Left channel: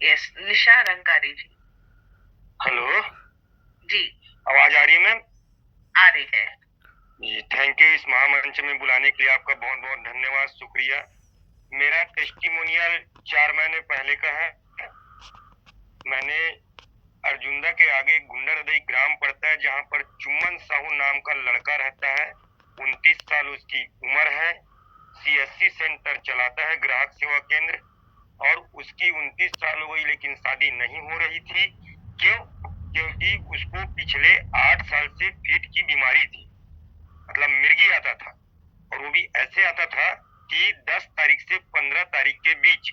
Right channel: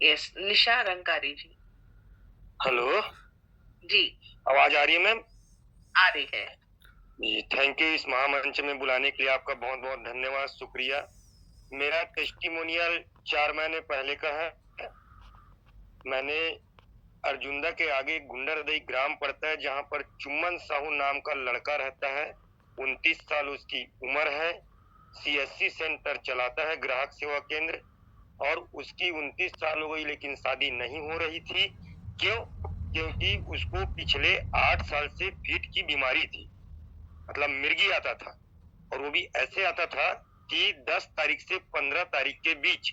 Yes, निशा रंकारी जी। Hello, जी, आवाज आ रही है मैम? आ रही है। जी, थैंक यू। इस महामंच में बुलाने के लिए आपका बहुत बहुत धन्यवाद, शुक्रिया। मेरा टेस्टिमोनियल 4 महीने पहले का है। मैंने अर्जुंदा के आगे गुंडरदई ग्राम पड़ता है, जहाँ पर चुम्बन साहू नाम का लड़का रहता है। 29 साल उसकी उम्र है। सीएससी सेंटर चलाता है, ग्राहक सेवा केंद्र। और उसकी 29 साल हो गई, लेकिन शादी नहीं हो रही थी। क्यों? क्योंकि उसको पिछले 8 साल से फीट की बीमारी थी, मतलब मिर्गी आता था। और वो भी ऐसे आता था कि 10 तारीख से 15 तारीख के बीच,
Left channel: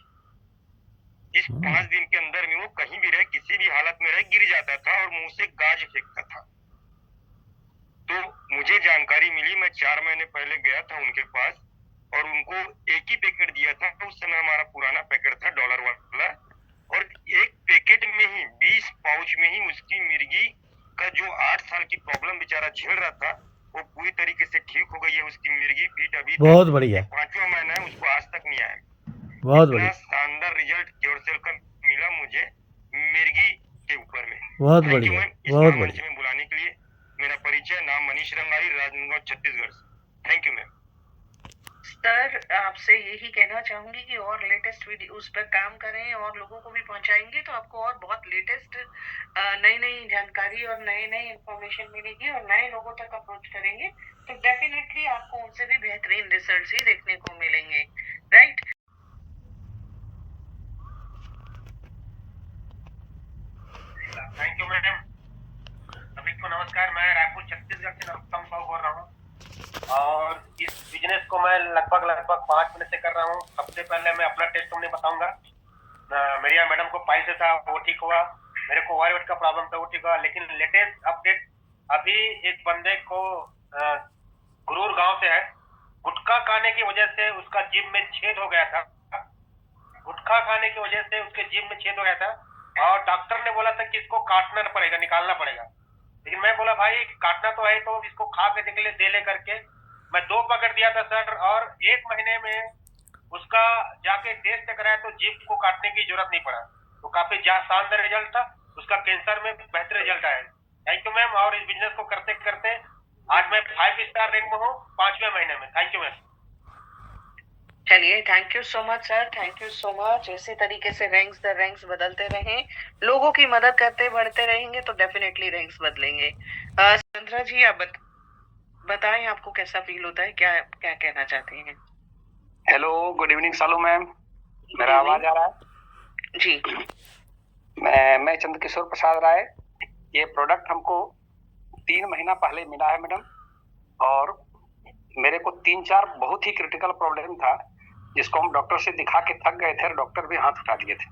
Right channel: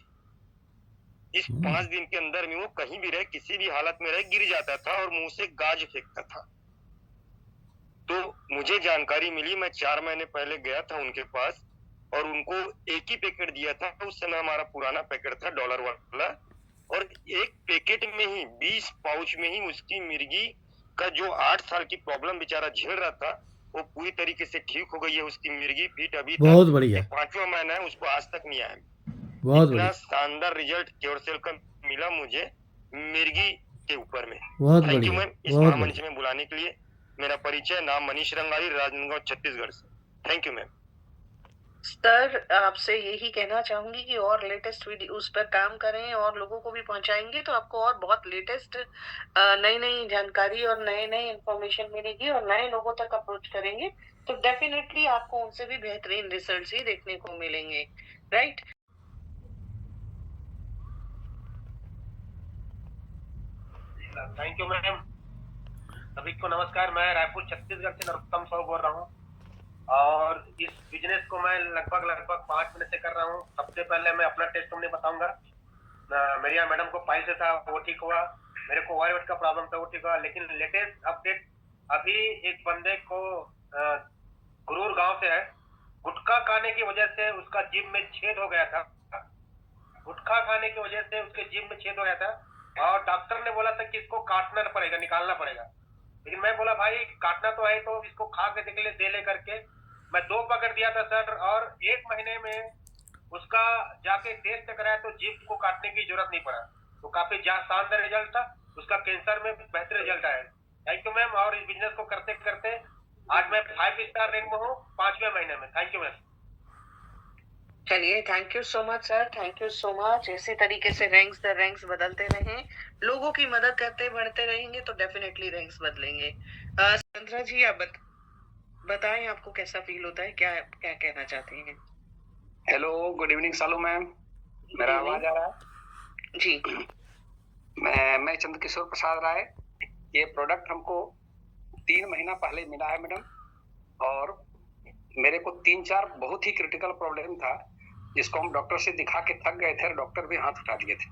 इस 5 दिन के अंदर में वो कहीं भी रहे, किसी भी हालत में रहे, गिर जाता था और मुंह से गाज फेंकता था। तो मुझे जानकारी मिली, मैं 4 महीने पहले गया था उनके पास और उनको एक ही पैकेट दिया था। उस समय हमारा पुराना पैकेट था डॉलर वाला, और एक पैकेट में ही 20 पाउच में ही उसकी मिर्गी का जो 8 साल की प्रॉब्लम बेचारा झेल रहा था, वो पूरी तरीके से ठीक हो गई है। उसकी मिर्गी फीट अभी बहुत तक, ये बढ़िया, 5वां महीना है, उसको आज तक नहीं आया। बहुत इतना बढ़िया, शानदार रिजल्ट क्योरसेल का मिला मुझे मिर्गी के ऊपर में। बहुत थैंक यू बढ़िया, मैम इस बहुत महामंच बढ़िया। में बुलाने के लिए। मेरा परिचय, नाम मनीष रंगारी, राजनांदगांव छत्तीसगढ़ से। Thank you ma'am. सर, आपसे यही कहना चाहूंगी कि और लेटेस्ट वीडियो उस पर काम करें और लोगों को भी पहुंचाएंगे तो आपको और बहुत लेटेस्ट नई नई जानकारी और नए नए इंफॉर्मेशन मिलेगी और नए लोगों तक अप्रोच करेंगे तो डेफिनेटली आपको उनसे भी बेहतरीन रिजल्ट्स ही देखने को मिलेंगे, राइट? Thank you ma'am. सभी को नमस्कार। मैं रायपुर छत्तीसगढ़ से नरोत्तम साहू बोल रहा हूँ और इस बिजनेस को मैं लगभग 5 महीने से कर रहा हूँ। सबसे पहले मैं अपना टेस्टिमोनी बताऊंगा। मेरी मैडम को पाइल्स था, वो ठीक हुआ। मेरे को ओवरवेट का प्रॉब्लम था, वो ठीक हुआ। लेकिन लेटेस्ट अपडेट अभी एक बंदे को गुरूर गांव से है, गुटखा खाने की वजह से उसका जीभ में छेद हो गया था। गुटखा खाने की वजह से उसके जीभ में छेद हो गया था और डॉक्टर ने बोला था कि इसको काटना पड़ेगा, निकालना पड़ेगा। लेकिन मैं बोला भाई काटना तो है तो इसको खा के देख ले, दे ले करके मैं 2 पैकेट दिया था सर। और 1 महीने में उसका जाके टेस्ट कराया तो जीभ को काटने की जरूरत नहीं पड़ा। तो काफी शानदार रिजल्ट था उसका। कैंसर में बेहतर रिजल्ट आया। Thank you ma'am. और इस बिजनेस को करते करते आज मैं 5 स्टार रैंक में हूँ 5वें महीने में। Thank you ma'am. चलिए, thank you so much sir, thank you so much. इसी तरीके से रैंक्स द रैंक्स बदलते रहें, लोगों की मदद करते बढ़ते रहेंगे तो डेफिनेटली रैंक्स बदलेंगे। चंद्रा जी, आप बताएं आपको कैसा फील होता है, क्या क्या कहना चाहते हैं? हेलो, गुड इवनिंग सालू मैम। मेरा आवाज आ रहा है? जी। मैं चंद्रकिशोर प्रसाद राय। ये प्रोडक्ट हमको 3 महीना पहले मिला है मैडम, और मेरे को 3-4 बहुत ही क्रिटिकल प्रॉब्लम था जिसको हम डॉक्टर से दिखा के थक गए थे और डॉक्टर भी हाथ उठा दिए थे।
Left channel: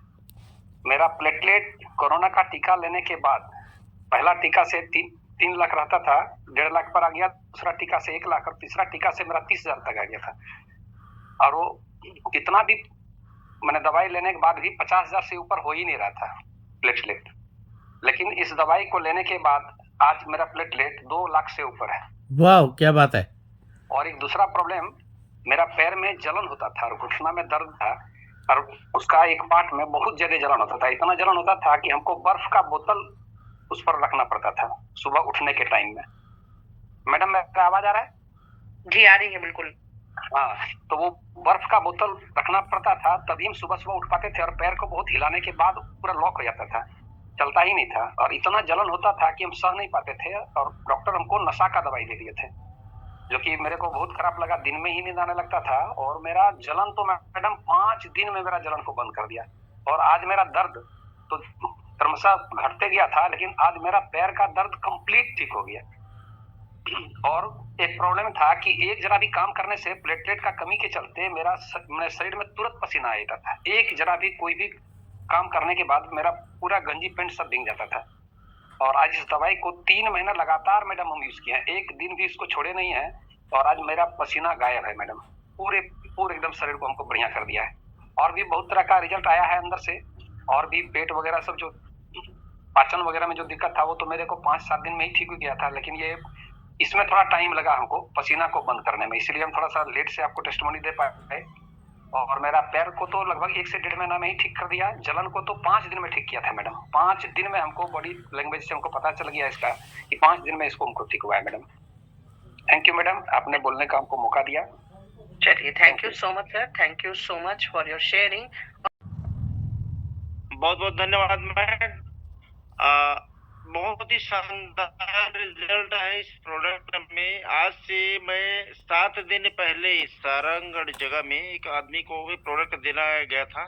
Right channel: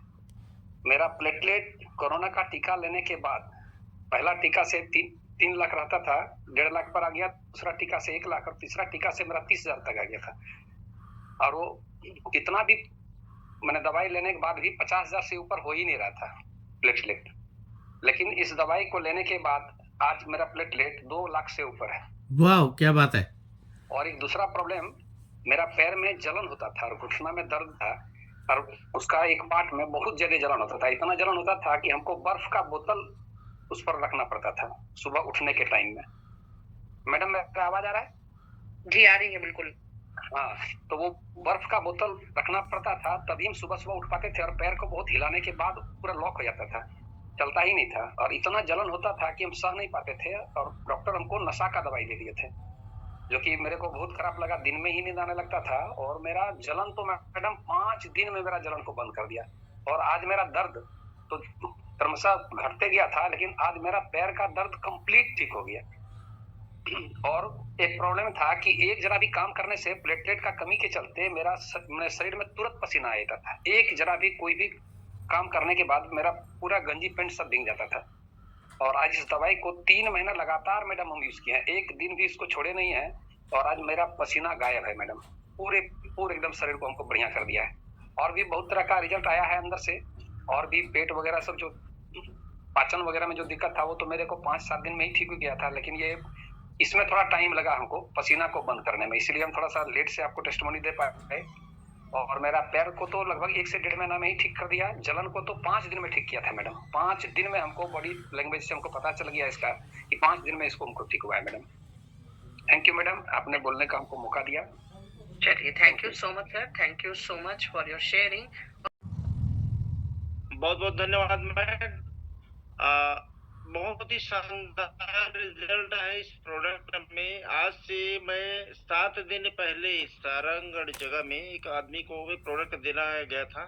मेरा प्लेटलेट कोरोना का टीका लेने के बाद, पहला टीका से 3 लाख रहता था, 1.5 लाख पर आ गया। दूसरा टीका से 1 लाख और तीसरा टीका से मेरा 30,000 तक आ गया था। और वो कितना भी मैंने दवाई लेने के बाद भी 50,000 से ऊपर हो ही नहीं रहा था प्लेटलेट। लेकिन इस दवाई को लेने के बाद आज मेरा प्लेटलेट 2 लाख से ऊपर है। वाह, क्या बात है। और एक दूसरा प्रॉब्लम, मेरा पैर में जलन होता था और घुटना में दर्द था, और उसका एक पार्ट में बहुत ज्यादा जलन होता था। इतना जलन होता था कि हमको बर्फ का बोतल उस पर रखना पड़ता था सुबह उठने के टाइम में। मैडम, मेरा आवाज आ रहा है? जी, आ रही है बिल्कुल। हाँ, तो वो बर्फ का बोतल रखना पड़ता था, तभी हम सुबह सुबह उठ पाते थे। और पैर को बहुत हिलाने के बाद पूरा लॉक हो जाता था, चलता ही नहीं था। और इतना जलन होता था कि हम सह नहीं पाते थे, और डॉक्टर हमको नशा का दवाई दे दिए थे, जो कि मेरे को बहुत खराब लगा। दिन में ही नींद आने लगता था और मेरा जलन तो मैडम 5 दिन में मेरा जलन को बंद कर दिया। और आज मेरा दर्द तो क्रमशः घटते गया था, लेकिन आज मेरा पैर का दर्द कंप्लीट ठीक हो गया। और एक प्रॉब्लम था कि एक जरा भी काम करने से प्लेटलेट का कमी के चलते मेरे शरीर में तुरंत पसीना आ जाता था। एक जरा भी कोई भी काम करने के बाद मेरा पूरा गंजी पैंट सब भीग जाता था। और आज इस दवाई को 3 महीना लगातार मैडम हम यूज किए हैं, एक दिन भी इसको छोड़े नहीं है। और आज मेरा पसीना गायब है मैडम, पूरे एकदम शरीर को हमको बढ़िया कर दिया है। और भी बहुत तरह का रिजल्ट आया है अंदर से, और भी पेट वगैरह सब, जो पाचन वगैरह में जो दिक्कत था वो तो मेरे को 5-7 दिन में ही ठीक हो गया था। लेकिन ये इसमें थोड़ा टाइम लगा हमको पसीना को बंद करने में, इसलिए हम थोड़ा सा लेट से आपको टेस्टिमोनी दे पाए। और मेरा पैर को तो लगभग 1 से 1.5 महीना में ही ठीक कर दिया, जलन को तो 5 दिन में ठीक किया था मैडम। 5 दिन में हमको बॉडी लैंग्वेज से हमको पता चल गया इसका कि 5 दिन में इसको हमको ठीक हुआ है मैडम। थैंक यू मैडम, आपने बोलने का हमको मौका दिया। चलिए, thank you so much sir, thank you so much for your sharing. बहुत बहुत धन्यवाद मैम। बहुत ही शानदार रिजल्ट है इस प्रोडक्ट में। आज से मैं 7 दिन पहले सारंगगढ़ जगह में एक आदमी को भी प्रोडक्ट देना गया था,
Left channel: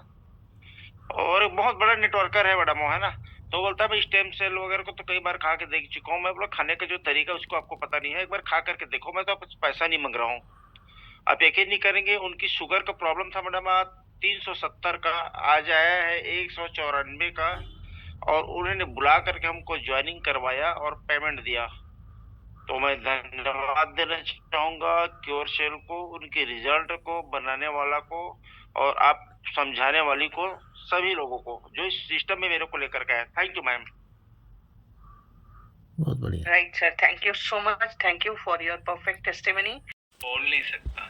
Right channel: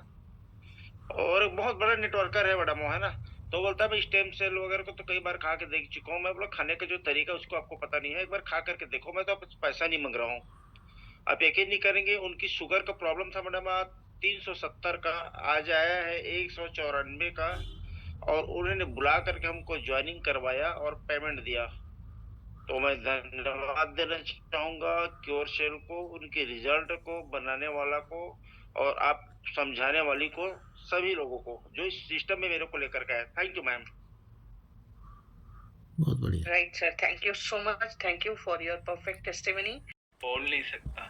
और बहुत बड़ा नेटवर्कर है, बड़ा मोह है ना, तो बोलता है मैं स्टेम सेल वगैरह को तो कई बार खा के देख चुका हूँ। मैं बोला खाने का जो तरीका उसको आपको पता नहीं है, एक बार खा करके देखो, मैं तो आपसे पैसा नहीं मांग रहा हूँ। आप यकीन नहीं करेंगे, उनकी शुगर का प्रॉब्लम था मैडम 370 का, आज आया है 194 का, और उन्होंने बुला करके हमको ज्वाइनिंग करवाया और पेमेंट दिया। तो मैं धन्यवाद देना चाहूंगा क्योर सेल को, उनके रिजल्ट को, बनाने वाला को, और आप समझाने वाली को, सभी लोगों को जो इस सिस्टम में मेरे को लेकर के आया। Thank you ma'am. बहुत बढ़िया। Right sir, thank you so much, thank you for your perfect testimony. बोल नहीं सकता,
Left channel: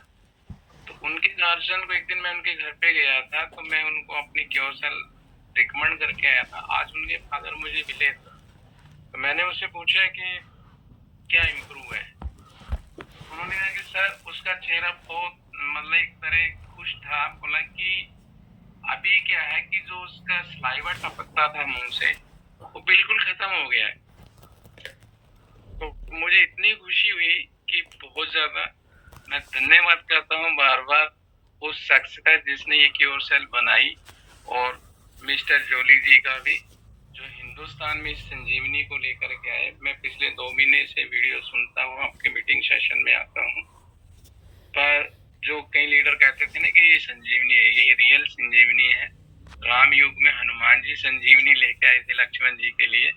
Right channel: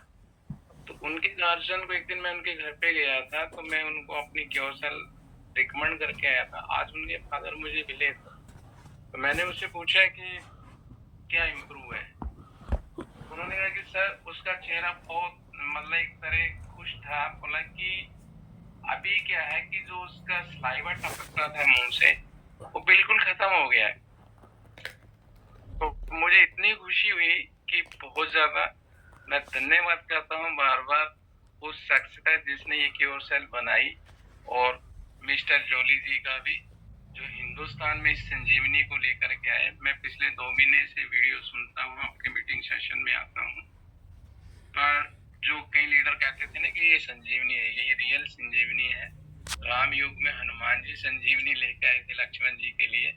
तो उनके गार्जियन को एक दिन मैं उनके घर पे गया था, तो मैं उनको अपनी क्योर सेल रिकमेंड करके आया था। आज उनके फादर मुझे मिले थे, तो मैंने उससे पूछा कि क्या इम्प्रूव है। उन्होंने कहा कि सर उसका चेहरा बहुत मतलब एक तरह खुश था। बोला कि अभी क्या है कि जो उसका सलाइवा टपकता था मुंह से वो बिल्कुल खत्म हो गया है। तो मुझे इतनी खुशी हुई कि बहुत ज्यादा मैं धन्यवाद करता हूँ बार बार उस शख्स का जिसने ये क्योर सेल बनाई, और मिस्टर जोली जी का भी जो हिंदुस्तान में इस संजीवनी को लेकर के आए। मैं पिछले 2 महीने से वीडियो सुनता हूँ, आपके मीटिंग सेशन में आता हूँ, पर जो कई लीडर कहते थे ना कि ये संजीवनी है, ये रियल संजीवनी है। राम युग में हनुमान जी संजीवनी लेके आए थे लक्ष्मण जी के लिए,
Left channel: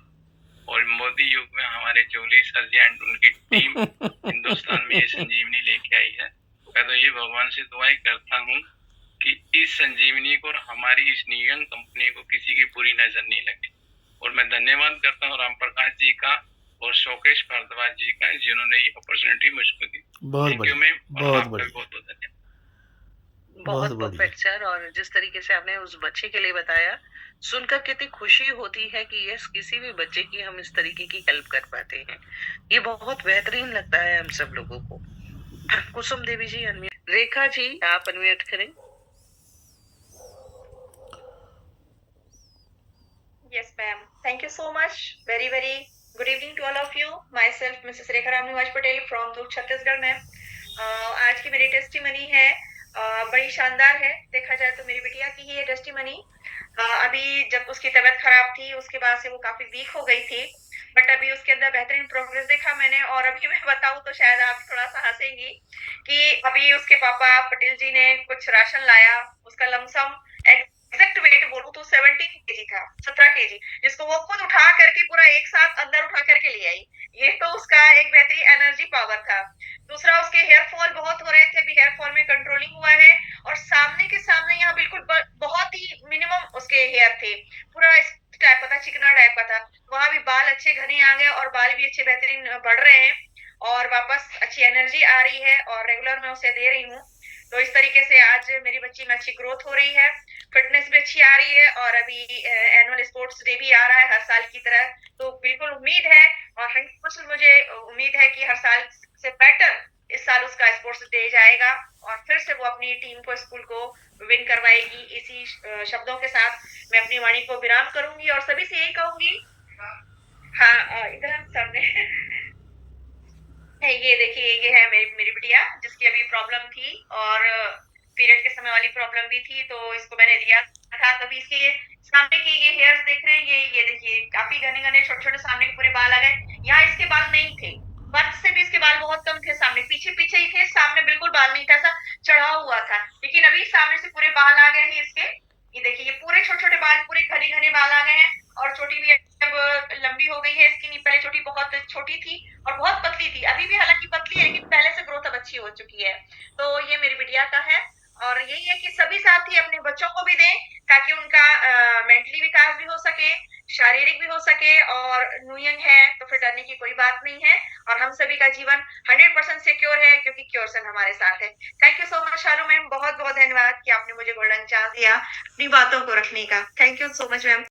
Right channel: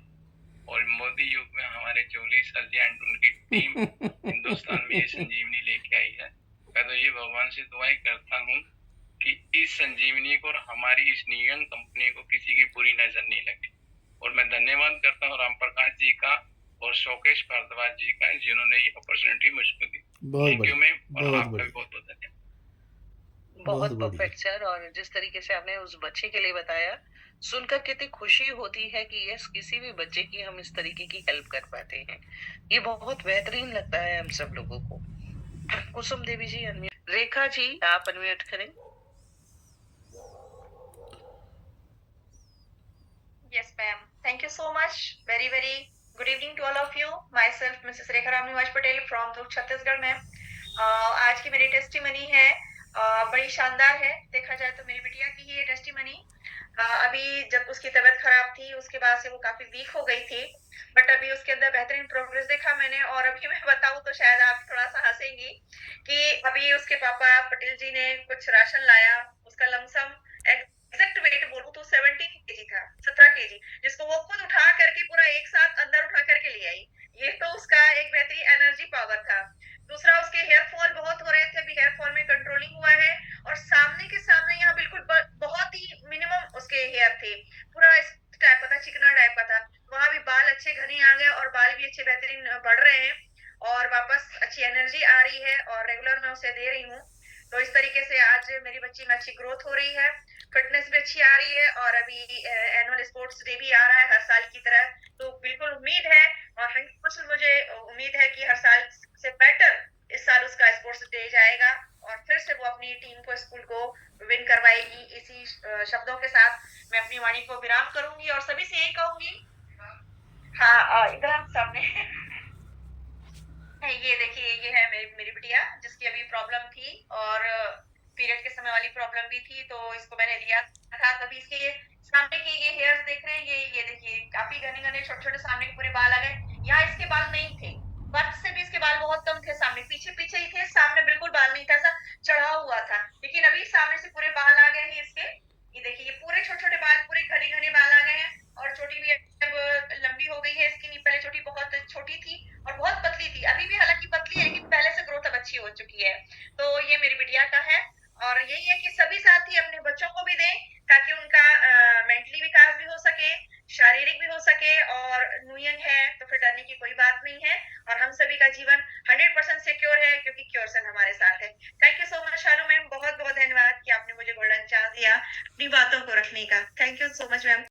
और मोदी युग में हमारे जोली सर जी एंड उनकी टीम हिंदुस्तान में ये संजीवनी लेके आई है। मैं तो ये भगवान से दुआएं करता हूँ कि इस संजीवनी को और हमारी इस नियम कंपनी को किसी की बुरी नजर नहीं लगे। और मैं धन्यवाद करता हूँ राम प्रकाश जी का और शोकेश भारद्वाज जी का, जिन्होंने ये अपॉर्चुनिटी मुझको दी। थैंक यू मैम, और आपका भी बहुत बहुत धन्यवाद। बहुत परफेक्ट सर, और जिस तरीके से आपने उस बच्चे के लिए बताया, सुनकर कितनी खुशी होती है कि यस, किसी भी बच्चे की हम इस तरीके की हेल्प कर पाते हैं। ये बहुत बेहतरीन लगता है हम सब लोगों को। कुसुम देवी जी अनम्यूट, रेखा जी आप अनम्यूट करें। Yes, ma'am. Thank you so much. Very, very good evening to all of you. Myself, Mrs. Rekha Ramnivaj Patel from Durg, Chhattisgarh, ma'am. आज की मेरी टेस्टिमनी है, बड़ी शानदार है। देखा जाए तो मेरी बिटिया की ही है टेस्टिमनी। अभी जब उसकी तबीयत खराब थी, उसके बाद से वो काफी वीक हो गई थी, बट अभी उसके अंदर बेहतरीन प्रोग्रेस देखा मैंने। और अभी मैं बताऊं तो शायद आप थोड़ा सा हंसेंगी कि अभी उसके पापा पटेल जी ने कुछ राशन लाया, उसका लमसम एग्जैक्ट वेट बोलूं तो 17 केजी था, 17 केजी, जिसको वो खुद उठा करके पूरा एक साथ अंदर उठा करके ले आई। ये तो उसका एक बेहतरीन एनर्जी पावर था। दूसरा, उसके हेयर फॉल बहुत हो रहे थे, अभी हेयर फॉल में कंट्रोलिंग हुआ है, और सामने के सामने यहाँ बिल्कुल बहुत ही मिनिमम उसके हेयर थे, पूरा इस टाइप का था, चिकना टाइप का था। वहां भी बाल अच्छे घने आ गए और बाल भी अच्छे बेहतरीन बढ़ रहे हैं, और वापस अच्छी एनर्जी आ रही है, और रेगुलर मैं उसे दे रही हूँ। तो इस तरीके से आज मेरी बच्ची में अच्छी ग्रोथ हो रही है, फिटनेस भी अच्छी आ रही है, और अभी एनुअल स्पोर्ट्स डे भी आ रहा है हर साल की तरह। तो बिल्कुल उम्मीद है, और 100% मुझे उम्मीद है कि हर साल से बेटर इस साल उसका स्पोर्ट्स डे जाएगा, और फिर से वो अपनी टीम को, स्कूल को विन करवाएगी। इसी शब्दों के साथ मैं अपनी वाणी को विराम करूंगी, और सभी से यही कहूंगी। हाँ, इधर हम सामने ये देखिए, ये है मेरी बिटिया, जिसकी अभी प्रॉब्लम थी, और पीरियड के समय वाली प्रॉब्लम भी थी, तो इसको मैंने दिया था। तभी इसके सामने के ये हेयर्स देख रहे हैं, ये देखिए काफी घने घने छोटे छोटे सामने के पूरे बाल आ गए। यहाँ इसके बाल नहीं थे, बर्थ से भी इसके बाल बहुत कम थे, सामने पीछे पीछे ही थे, सामने बिल्कुल बाल नहीं था, ऐसा चढ़ा हुआ था। लेकिन अभी सामने से पूरे बाल आ गए हैं इसके। ये देखिए, ये पूरे छोटे छोटे बाल, पूरे घने घने बाल आ गए हैं, और चोटी भी अब लंबी हो गई है इसकी। पहले चोटी बहुत छोटी थी और बहुत पतली थी, अभी भी हालांकि पतली है, लेकिन पहले से ग्रोथ अब अच्छी हो चुकी है। तो ये मेरी बिटिया का है, और यही है कि सभी साथी अपने बच्चों को भी दें, ताकि उनका मेंटली विकास भी हो सके, शारीरिक भी हो सके और न्यू यंग है तो फिर डरने की कोई बात नहीं है और हम सभी का जीवन 100% सिक्योर है क्योंकि क्योरसन हमारे साथ है। Thank you so much Shalu ma'am, बहुत बहुत धन्यवाद कि आपने मुझे गोल्डन चांस दिया अपनी बातों को रखने का। Thank you so much ma'am.